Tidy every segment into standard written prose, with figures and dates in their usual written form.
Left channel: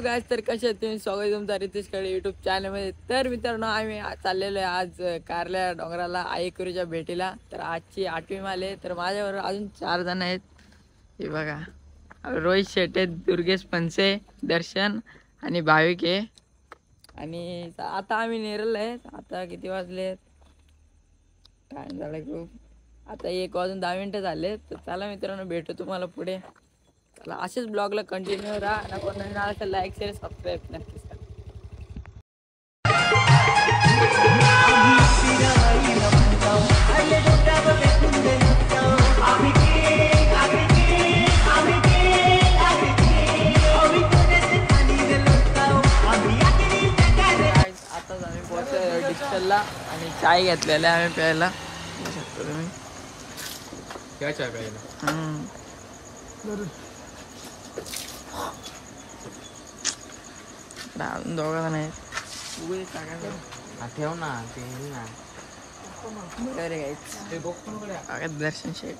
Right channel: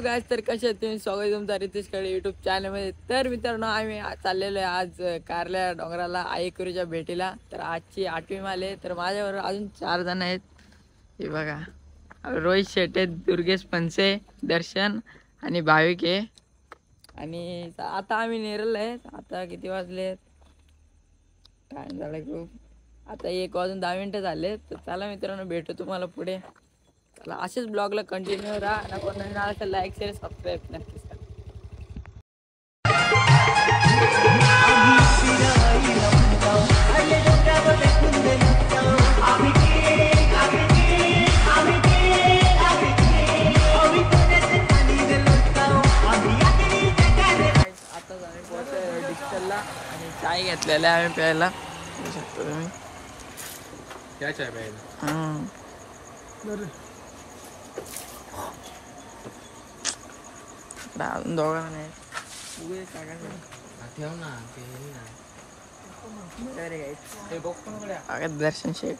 Hello guys, तर कसे आहेत तुम्ही? स्वागत आहे तुमचं रितेश कडे यूट्यूब चॅनलमध्ये. तर मित्रांनो, आम्ही चाललेलो आहे आज कारल्या डोंगराला आईकुरीच्या भेटीला. तर आजची 8वी माल आहे. तर माझ्याबरोबर अजून 4 जण आहेत. हे बघा, रोहित शेटे, दुर्गेश पंचे, दर्शन आणि भाविक आहे. आणि आता आम्ही नेरल आहे. आता किती वाजले? टाइम झाला खूप. आता 1 वाजून 10 मिनिटं झाले. तर चला मित्रांनो, भेटू तुम्हाला पुढे. चला, असेच ब्लॉगला कंटिन्यू राहा. नको नवीन आला तर लाईक शेअर सबस्क्राईब नक्कीच करा. आताच आम्ही पोहोचलो डिस्टलला आणि चाय घेतलेला आहे आम्ही प्यायला. बघू शकता तुम्ही. क्या चाय प्यायला? अजून दोघा नाही ठेव ना ते दर्शन शेठ.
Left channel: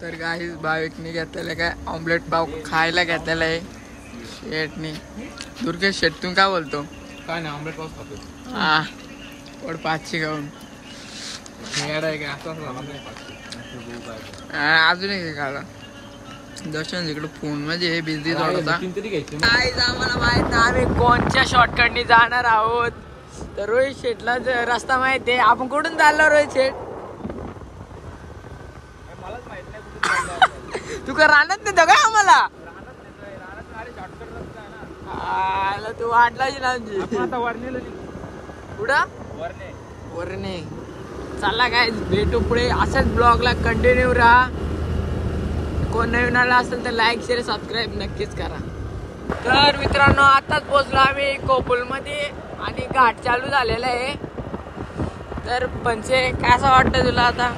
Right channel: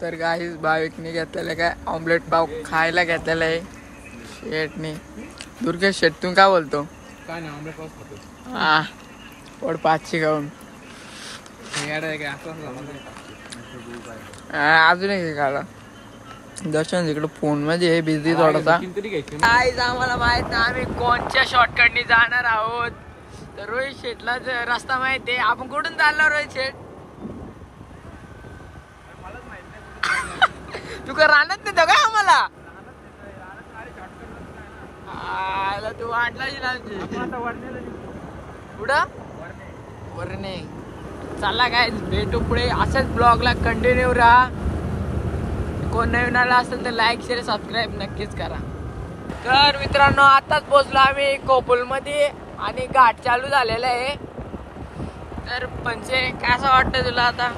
तर काही भाविकने घेतलेलं काय ऑमलेट पाव खायला घेतलेला आहे शेठने. दुर्गेश शेठ, तू काय बोलतो? काय नाही, ऑमलेट पाव खातो. हा, पोट 5ची खाऊन अजून एक खाला. दर्शन इकडे फोन मध्ये बिझी थोडासा. आम्हाला माहित नाही आम्ही कोणत्या शॉर्टकटनी जाणार आहोत. तर रोहित शेठला रस्ता माहिती आहे. आपण कुठून चाललो रोहित शेठ? तू का राहणार नाही का आम्हाला? तू वाटलाच ना कुठं वरणे. चला काय, भेटू पुढे. असंच ब्लॉगला कंटिन्यू राहा. कोण नवीन आला असेल तर लाईक शेअर सबस्क्राईब नक्कीच करा. तर मित्रांनो, आताच पोहोचलो आम्ही कोपुल मध्ये आणि घाट चालू झालेला आहे. तर पंचे, कसं वाटतं तुला आता?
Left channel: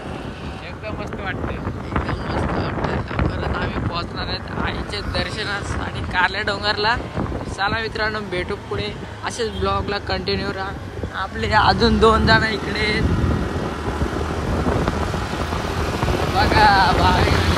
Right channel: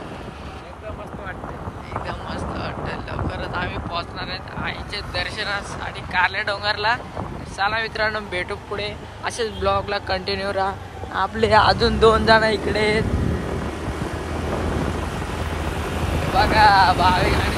एकदम मस्त वाटतंय. एकदम मस्त वाटतं. लवकरच आम्ही पोहोचणार आहेत आईचे दर्शनासाठी कारल्या डोंगरला. चला मित्रांनो, भेटू पुढे. असेच ब्लॉगला कंटिन्यू राहा. आपले अजून 2 जण इकडे आहेत बघा, भाविक आणि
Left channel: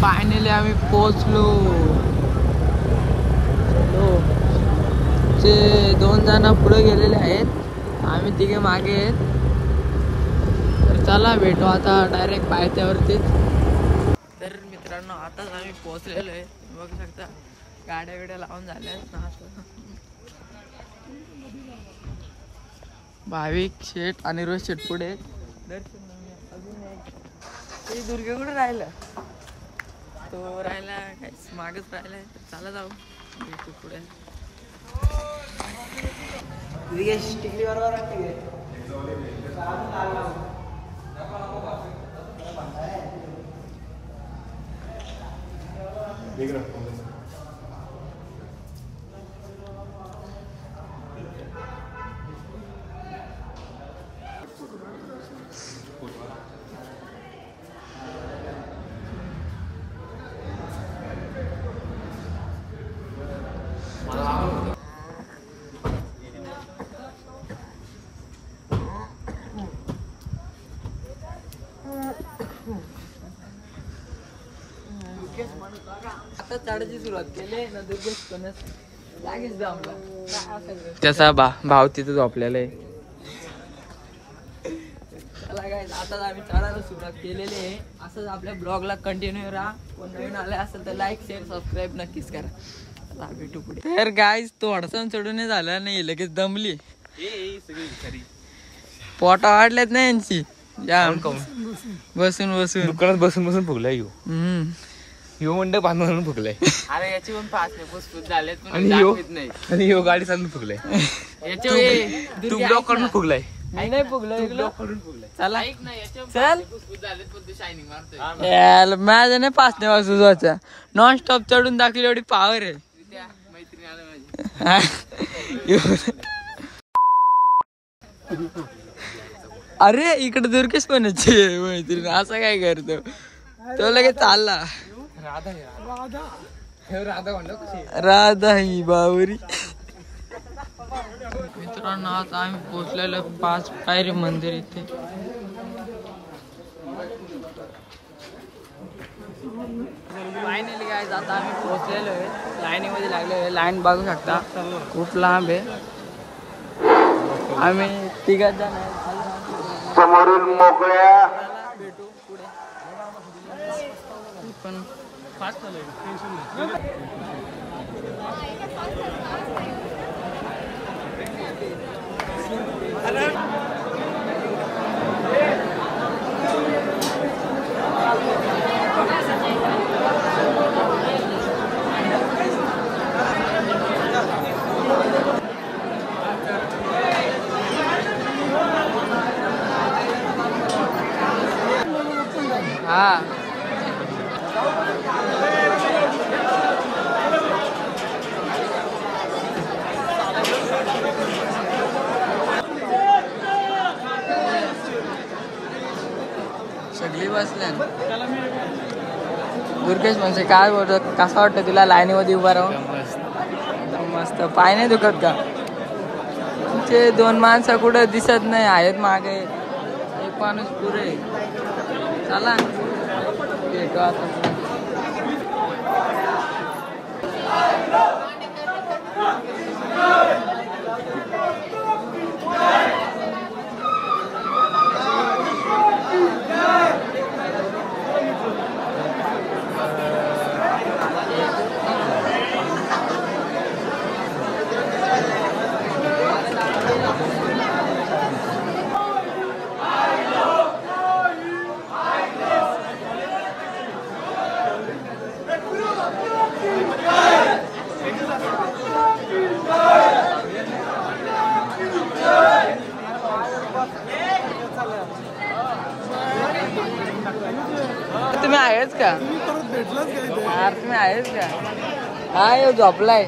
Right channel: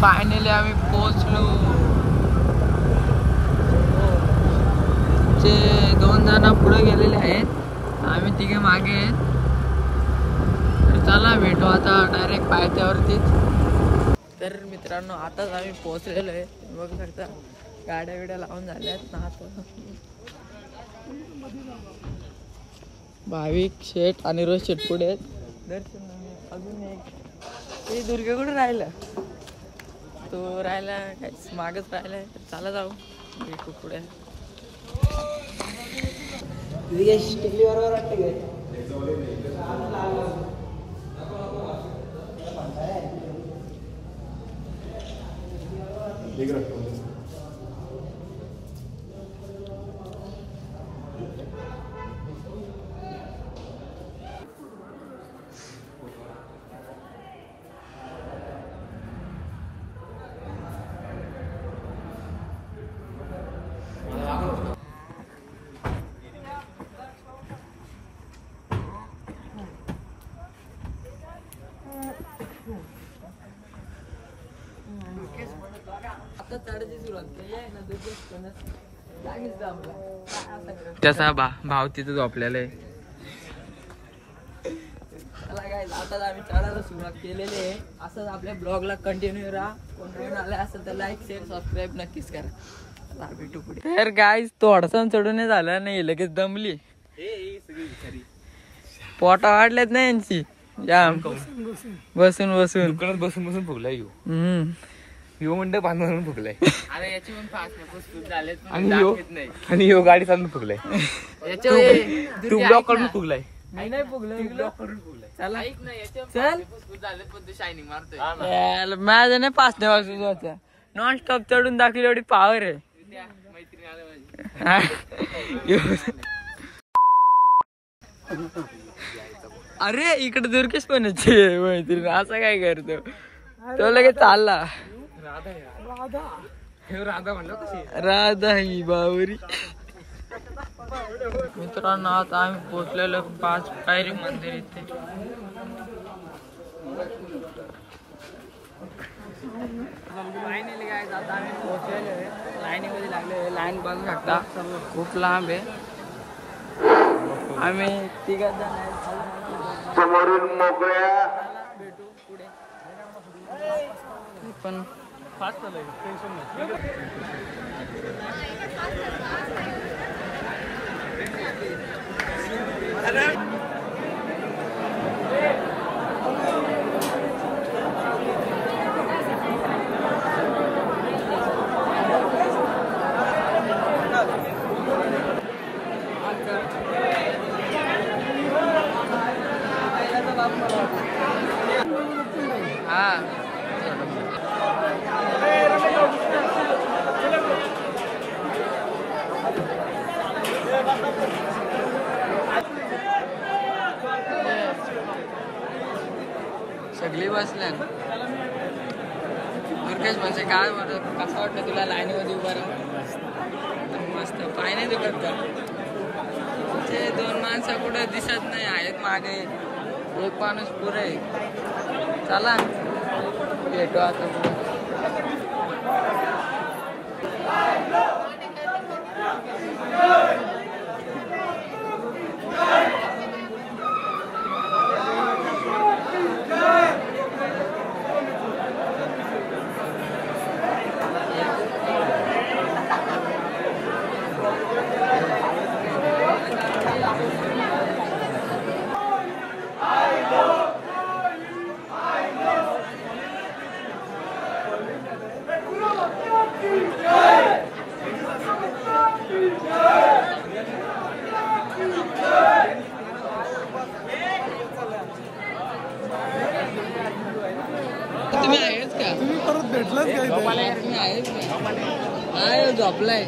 फायनली आम्ही पोहोचलो. ते 2 जण पुढे गेलेले आहेत, आम्ही 3 मागे आहेत. तर चला भेटू आता डायरेक्ट पायथ्यावरतीच. तर मित्रांनो, आताच आम्ही पोहोचलेलो आहे. बघू शकता गाड्या बिड्या लावून झाल्या आहेत ना. आता भाविक शेठ आणि रोज शेठ पुढे आहेत. दर्शन अजून एक ते दुर्गे कुठे राहिलं? तो राहिला काय मागच राहिलाय. चला जाऊ, भेटू पुढे. टिकली बरोबर आता चढायची सुरुवात केली ना. त्याचा भाव तिथं झोपलेला आहे. आता आम्ही चढायला सुरुवात केलेली आहे. असंच आपल्या ब्लॉगला कंटिन्यू राहा. कोण नवीन आले असेल तर लाईक शेअर सबस्क्राईब नक्कीच करा. भेटू पुढे. तर गाईज, थोडसा चढून झालं नाही, लगेच दमली. पोटा वाढलेत ना यांची जाम. बसून बसून बसून फुगलाय यो मंडप बांधून फुगलाय. आणि यो गाडी चालून फुगलाय. तू ब्लॉक काढून फुगलाय. मी नाही फुगलो इकडं करून फुगलाय. चला चल याला माझ्या नाही पाच नाही वाजू जायचा नॉन स्टॉप चढून दाखवली एवढी पावर आहे. अरे इकडे दुर्गेश पण मैत्रीण असं काय करतो तो लगेच चालला. राधा म्हणलं कशी राधा ही बावरी. मित्रांनो आता आम्ही पोहोचलेलो 5 पायरी मंदिर इथे. फायनली काय आता आम्ही पोहोचलेलो आहे लाईनीमध्ये लागलो आहे. लाईन बघू शकता खूप लांब आहे. आम्ही 3 जण समोरील मोकळ्या भेटू पुढे पण फास्ट चालू आहे टेन्शन हा. सगळी बसल्या दुर्गेश म्हणजे काय बोलतो कसं वाटतं तुला लाईनीमध्ये उभा राहून मस्त पाय नाही दुखत का तुमचे 2 माणसं कुठं दिसत नाही आहेत मागे एक माणूस पुरे चला भेटू आता. तुम्ही आहेच का तुम्ही आहेच का हा झोपलाय.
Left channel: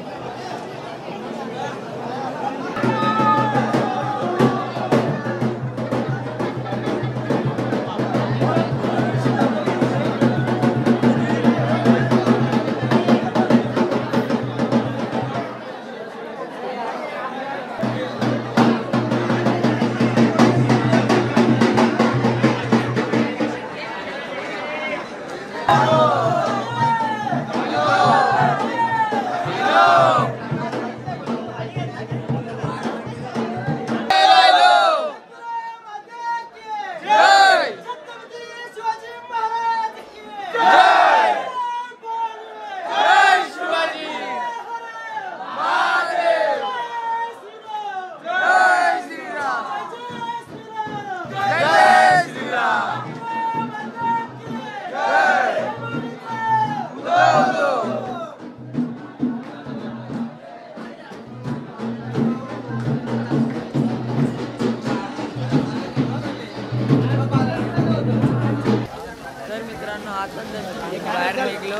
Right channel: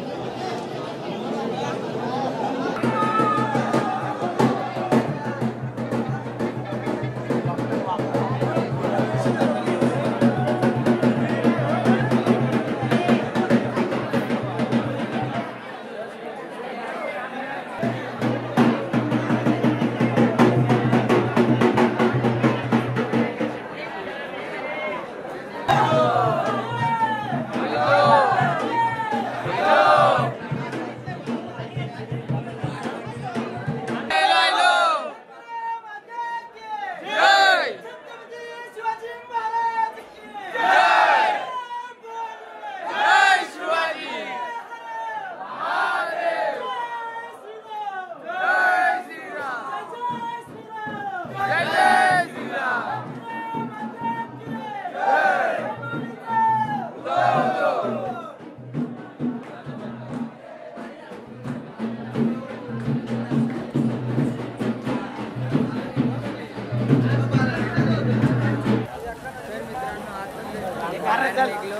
बाहेर निघलो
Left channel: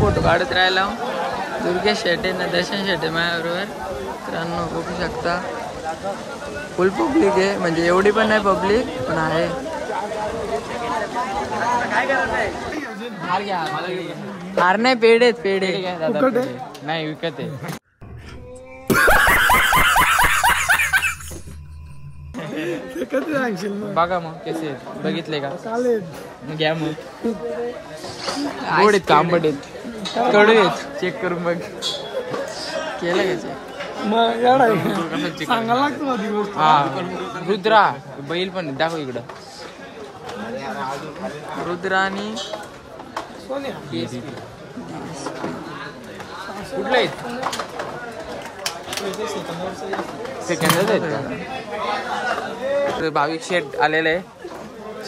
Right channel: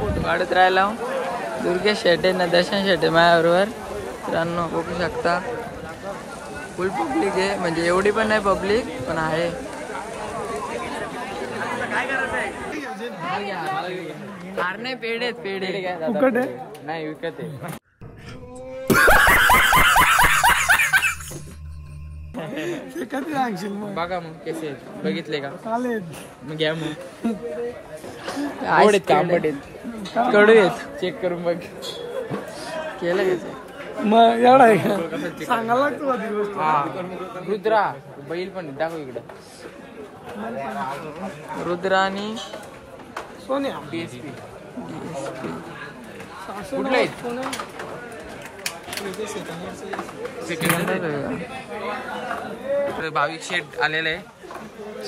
फोटो काढत राहिलो. दुर्गेश शेटे ना दर्शन शेटे माझ्याबरोबर. मित्रांनो बघू शकता फुल पब्लिक आहे म्हणजे एवढी पण नाही पब्लिक पण आहे. हार नाही पेढे पेढे नाही विकत आहे. बघा मग कसे आहेत बघितले का मग घ्या मग. आवड आहेत का आंबट आहेत कडू आहेत चेक करून बघ केलं का चेक सांगायला लागतो. रुद्रा बैल पण दाखव इकडं. रुद्रा आणि कुठलं आहेत भाविक शेट आलेले आहे.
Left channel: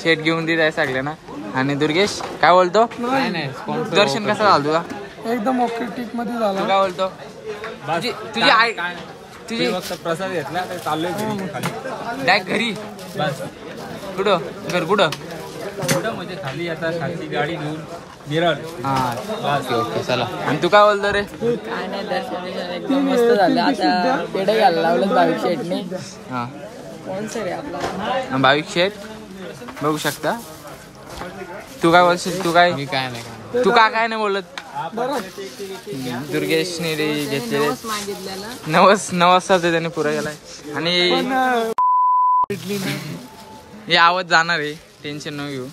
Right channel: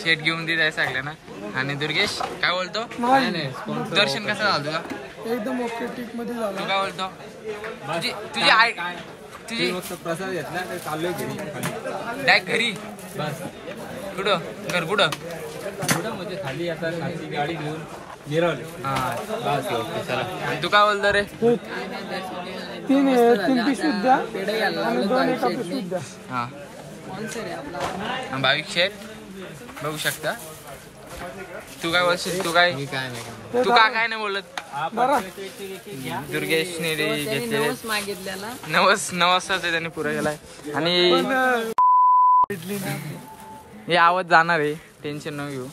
शेट घेऊन देत आहे सगळ्यांना. आणि दुर्गेश काय बोलतो. दर्शन कसं झालं तुला. एकदम ओके ट्रिप मध्ये झालं. तू काय बोलतो. तुझी फक्त प्रसाद घेतला तर चाललोय घरी खाली डायरेक्ट घरी बस. कुठं घर कुठं कुठं म्हणजे खाली आता खालची गाडी घेऊन मिरल. हा बस ओके चला. आणि तू काय बोलतो रे? काय नाही दर्शन एकदम मस्त झालं. आता पेढे घ्यायला लावलं भाविक शेटने. हा कोण सर आहे आपला? भाविक शेट बघू शकता. तू काय बोलशील? तू काय मी काय नाही तू काय नाही बोलत? दुर्गेशने घेतलेले नवस त्याने पुरा केलाय. आणि हे आवाज जाणार आहे, टेन्शन न घेऊ.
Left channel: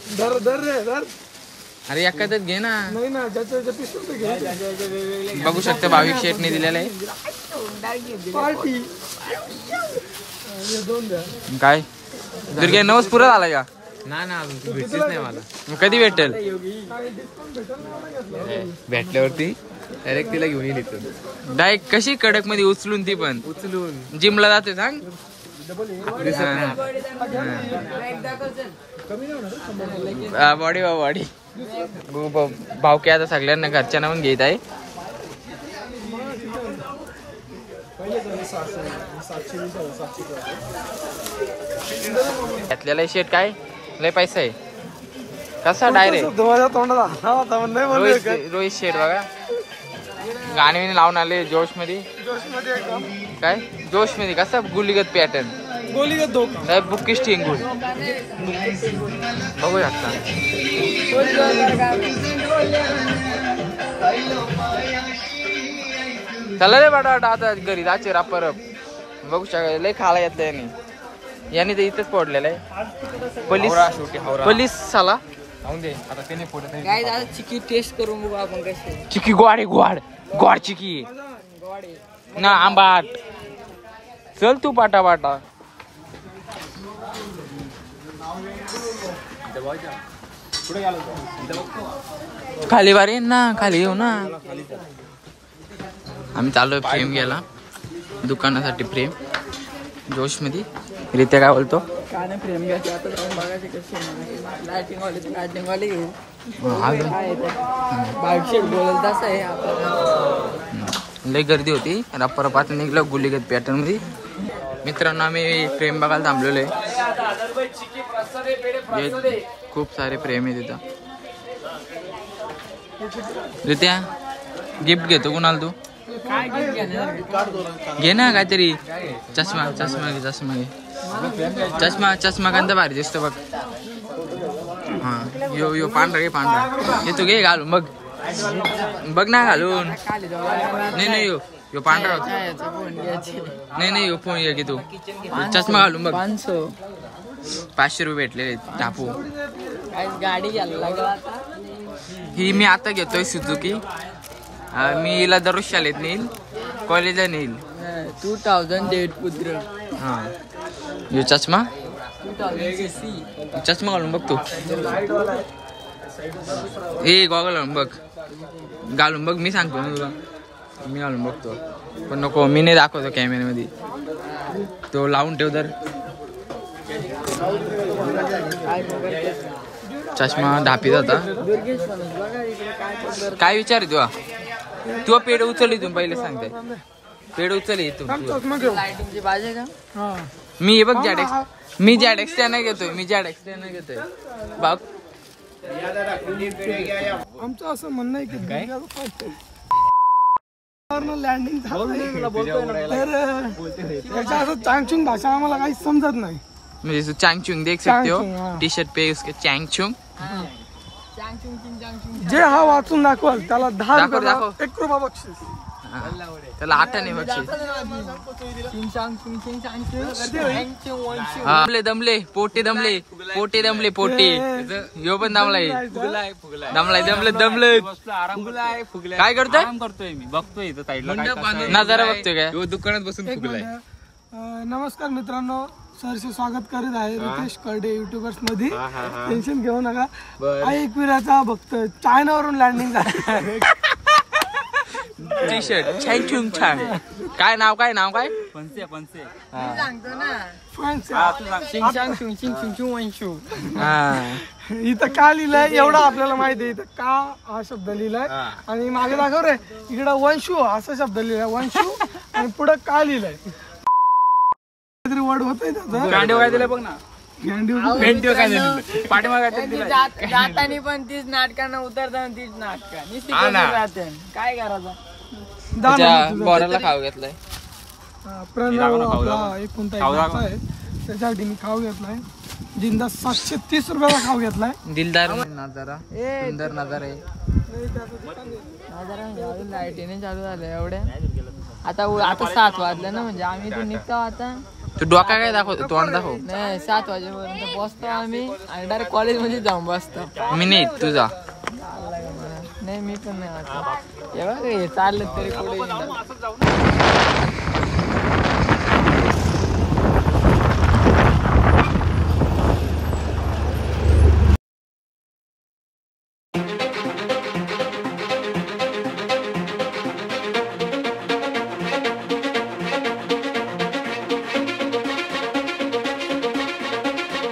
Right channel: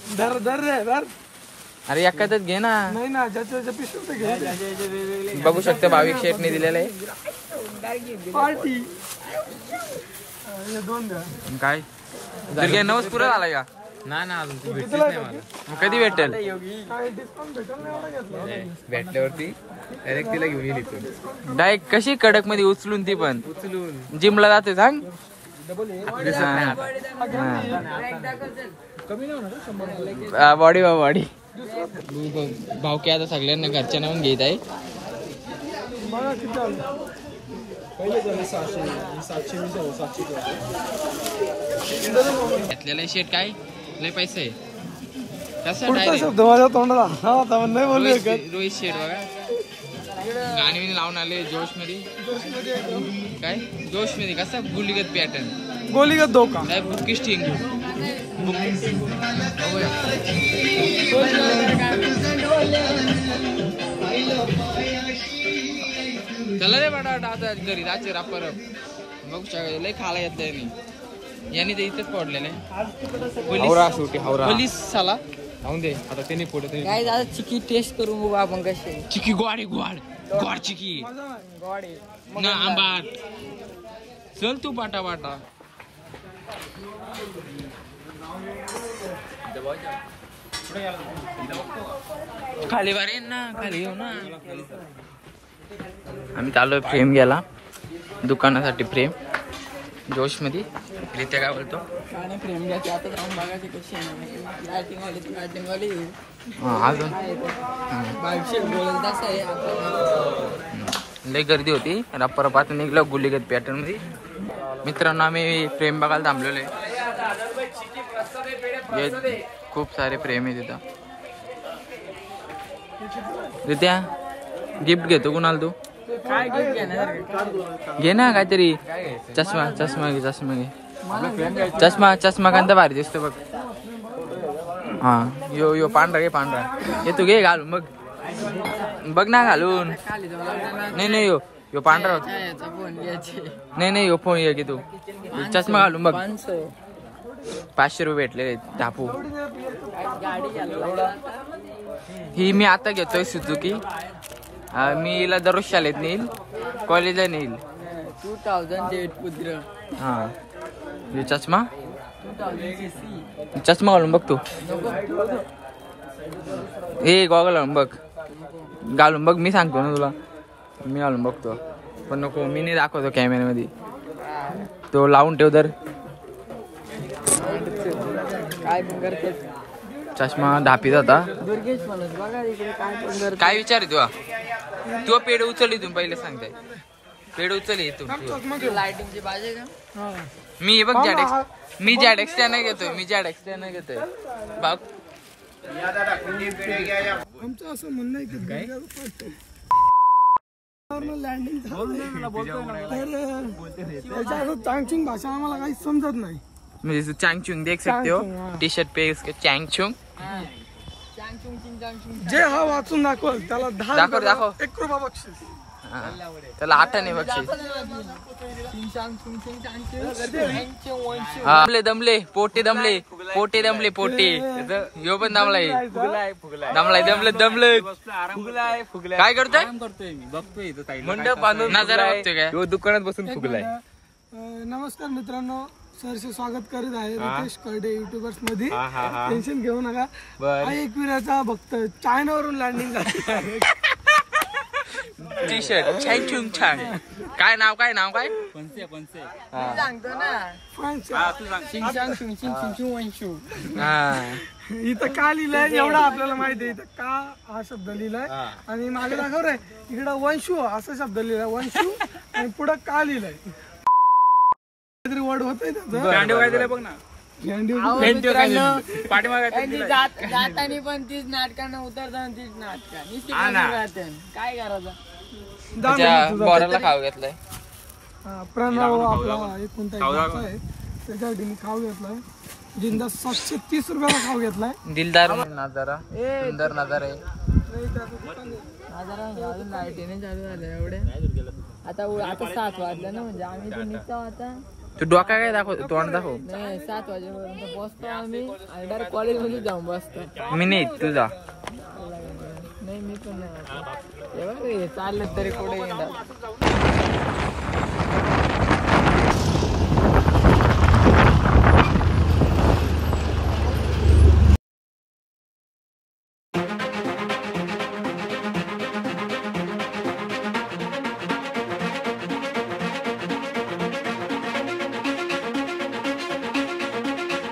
अरे एखादच घे ना. बघू शकता भाविक शेटने दिलेलं आहे. काय दुर्गे नवस पुरा झालाय का? ना अजून ती भेटलीच नाही मला. मग कधी भेटेल? भेटल्यावरती डायरेक्ट तिला घेऊन येईल इथून. डायरेक्ट कशी कडक मध्ये उचलून, ती पण उचलून जिमला जाते सांग. बॉडी बॉडी भावकी आता सगळ्यांना घरच्या नावून घेत आहे. घेतलेला शेट काय लय पैसा आहे. कसा डायरेक्ट रोहित शेट बघा गाणे लावून आले जोश मध्ये. काय जोश मध्ये कसा गुलीगत पॅटर्न, गोलीगत धोका बुकिश टिंगून बघूया. चला रे बाटा आता घरी जायचे रापर. बघू शकता लय खाला येत यांनी ते इथंच पडलेलं आहे. पोलीस साला दे आता त्याने पुढे काय दादा चिकी टेस्ट करून बघू आपण कशी. चिकी गोड आहे गोड गोड चिकी ना आंबाट. चल तू पाटा पाटा. खाली बारे ना, खाली येऊ ना. आम्ही चालू फ्रेम घ्यायला दुकानासाठी. फ्रेम जोश मध्ये रित्या काय बोलतो? काय नाही फ्रेम घ्यायची आता बघायची कशी लाइटिंग वाले घेऊ. बोलेल तसं आहे आपल्याला. लय गर्दी होती. रप्पा रप्पा निघलं गुलीगत पॅटर्न मध्ये. मित्रांनो आम्ही फ्रेम बघायला थांबलेलो आहे. खूप सारे फ्रेम आहे तिथं. रित्या गिफ्ट घेतो कुणाला तू? काय गिफ्ट घेणार? घे ना काहीतरी. चष्मा घे चष्मा कांदा भारी दिसतो बघ. हा यो पांढरा घे पांढरा. हे तू घे घालून बघ ना घालून. नाही यो पांढरा होता. नाही यो फोन घे की तू. चष्मा घालून बघ. 500 रुपये भेटले टापू. गाडी ही मी आता घेतोय सुझुकी. मी हिला दररोज शाळेत नेईल, कॉलेजला नेईल. 2008 पुत्र. हा यो चष्मा घालून बघ तू. ए गॉगल घालून बघ. घालून बघ. मी सांगतो ना तुला. मी घालून बघतो पण नको. मी नाही दाखवतो कॅमेऱ्यामध्ये. तो लावून ठेव तर. चष्मा धापीत होता. काय विचार आहे तुला? तू पेड उचल इथून पहिले सांगताय. पेड उचल इथून. मी बघ मी जॅडेक्स नाही घेतोय. बघ आमचं असं म्हणणं आहे की काय लँडिंग तर चांगचुंग भाषा आम्हाला काही समजत नाही. मुझे चांगचुंग देख सकते हो. टी शर्ट पे उसके चांगचुंग. जे हा वाचून दाखवाल त्याला 10 दाखव. 1 रुपया बक्षीस. त्याला 8 नाही बक्षीस. दमले पोटे यो पण दमलाय. काय करतोय? मी बघतोय नजारा बघतोय काय? दुकानात बसून फुगलाय. नमस्कार मित्रांनो, सरसे स्वागत करीत आहे रितेश कर्डे युट्यूबर्स मध्ये. टेन्शन घेऊ नका. एकविराचा भक्त चायनावरून लँडिंग झालं. टी शर्ट छान. काय नाव काय? पंचे सांगतो ना. इथं का लिहिलंय एवढं आपल्याला माहिती आहे. इथं का हा शब्द लिहिलाय आणि मागे दाखव रे इकडं वंशू असा शब्द लिहिलाय. वंशू आणि पुढे का लिहिलंय काहीतरी वर्ड होतंय त्याचं गांडीव काय दिलंय बघ ना. जातानी पण तीच नाटकांना उतरताना तीच नाटक काय करायचं. बोराला खाऊ घेतलाय. प्रणव आपला एक कोणता एक नाचा आहे त्याच्यासाठी मी खाऊ घेतलाय जिंदा 730 रुपयाला खाऊ घेतलाय. दिलदार नजारा सुंदर नजारा आहे. लाईटीने चालू झालं एवढ्या आता 7 वाजलं ना म्हणजे आम्ही तो निघतो आता. तू डोका काय दाखव तोंड दाखव. नाही 7 वाजेपर्यंत बसतो आम्ही आणि डायरेक्ट कॉलेज मध्ये जाऊन बसतो. मी नाही तुझा नाही मी पण नाही आता एवढं चाललं तरी पुढे